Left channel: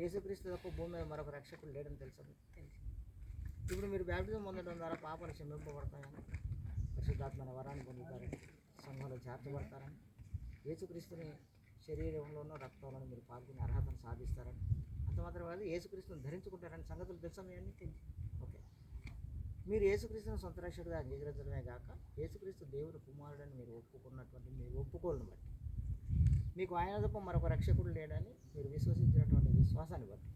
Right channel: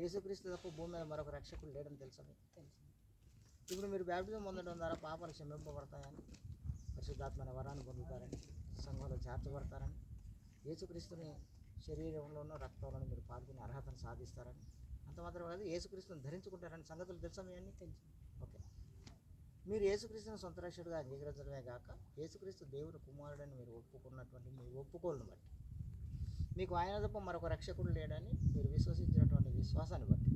యేసుక్రీస్తు తప్ప భూమి మీద మరొక రక్షకుడు లేడని తెలుసు. మీకు ఇప్పుడు మీరు బ్యాప్టిజం పొందడం ద్వారా పాపాలు క్షమింపబడతాయని పరిశుద్ధాత్మైన వరాన్ని పొందుతారని సంఘంలో చేర్చబడతారని యేసుక్రీస్తుని శరీరంలోనూ రక్తంలోనూ మీరు పాల్గొనే అర్హతను సాధిస్తారని అంత మాత్రం కాదు యేసుక్రీస్తుని ధరించుకుంటారని సంగతులు తెలుసా మీ అన్ని? ఓకే. మీరు యేసుక్రీస్తుని సొంత రక్షకుడిగా అంగీకరించడమే కాక యేసుక్రీస్తు దేవుని కుమారుడని మీరు ఒప్పుకున్నటువంటి మీ ఒప్పుకోలను బట్టి మీకు ఆయన తప్ప మరొక రక్షకుడు లేడని మీరు విశ్వసించినటువంటి విశ్వాసాన్ని బట్టి.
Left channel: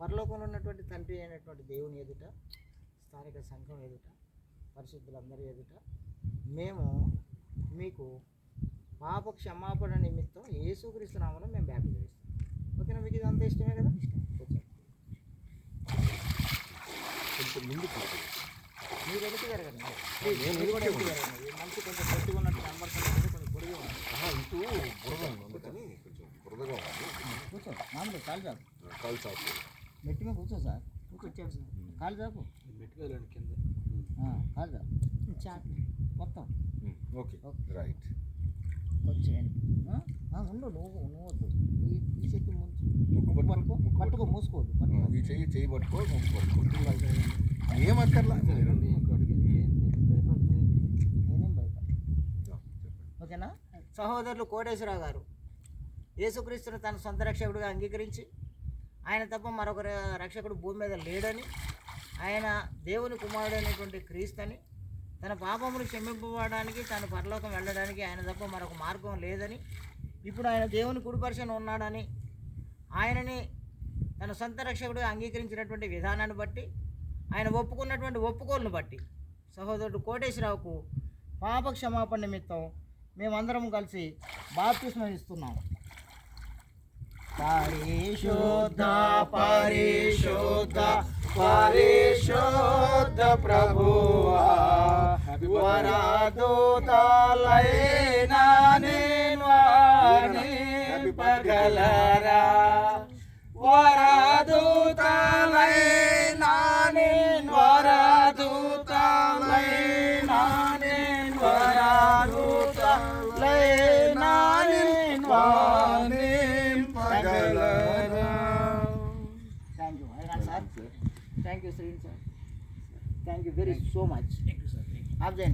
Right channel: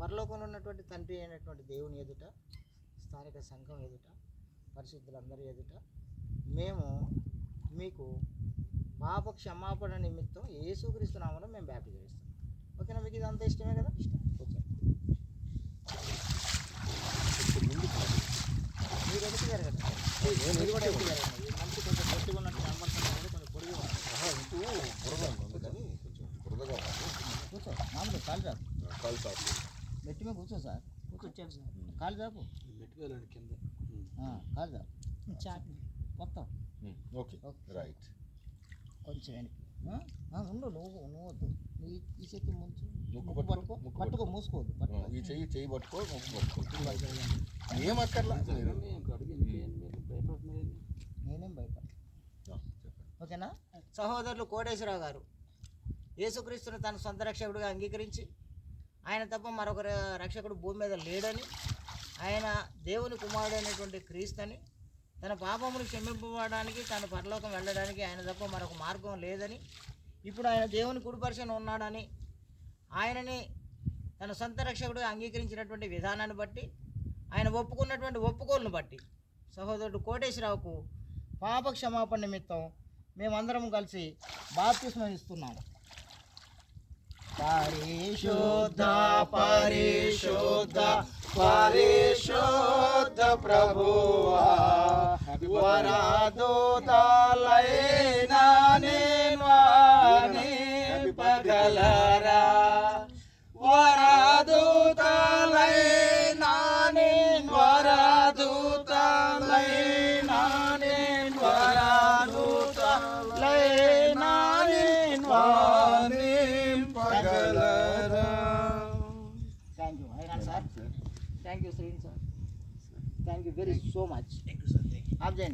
పరలోకంలో ఉన్నటువంటి తండ్రి అయినటువంటి దేవుని ఎదుట స్థానిక సంఘం ఎదుట పరిశుద్ధులందరి ఎదుట మేము మీకు పాప క్షమాపణ నిమిత్తం యేసుక్రీస్తు నామను మేము బ్యాప్టిజం ఇస్తాం ఓకేనా? మీకు ఇదంతా ఇష్టమే కదా? కొంచెం ముందు మీరు ఎదుగు జరగండి మనిషి కొంచెం పొట్టిగా ఉన్నట్టు కూర్చో. మామూలు కాలు చాపు. కాలు సాపు మెట్టి మీద కూర్చో సార్. కూర్చోండి సార్. కాలు చాపు. మెట్టుకెళ్ళండి కింద. ఆ, కాలు చాపు. చాపు. మొత్తం. ఓకే. ఓకే. రైట్. కొంచెం ఉండు నువ్వు వద్దు. ఈ చేతి పట్టుకో. మూసుకోవద్దు పట్టుకో. ఈ చెయ్యి చెయ్యి పట్టుకో ముక్కు పట్టుకో. ఏమక్కర్లా నేనేం భయపడ ఓకేనా? సహోదరులు కోటేశ్వరరావు గారు యేసుక్రీస్తుని తన సొంత రక్షకుడిగా అంగీకరించి ఆయన తప్ప మరొక రక్షకుడు భూమి మీద లేడని ఆయన దేవుని కుమారుడు అయినటువంటి క్రీస్తని తన పాపమును క్షమింపబడడానికి తన పరలోకం వెళ్ళడానికి ఆయన తప్ప మరొక మార్గం లేదని ఇప్పుడు ఆయన దేవుని కుడిపరిశన ఉన్నాడని ఆయనని తన సొంత రక్షకుడు అంగీకరించినటువంటి విధానాన్ని బట్టి ఆయన ఒప్పుకున్నటువంటి ఒప్పుకోలను బట్టి సహోదరుడు కోటేశ్వరరావుకు పాప క్షమాపణ నిమిత్తం మేమందరం కలిసి బాప్తిస్మం ఇస్తున్నాము. పరిశుద్ధ పరిశుద్ధ పరిశుద్ధ ప్రభువా వరదూతలైనా నేను పగలరా Thank you, Srin, sir. Thank you very so much. Thank you, sir.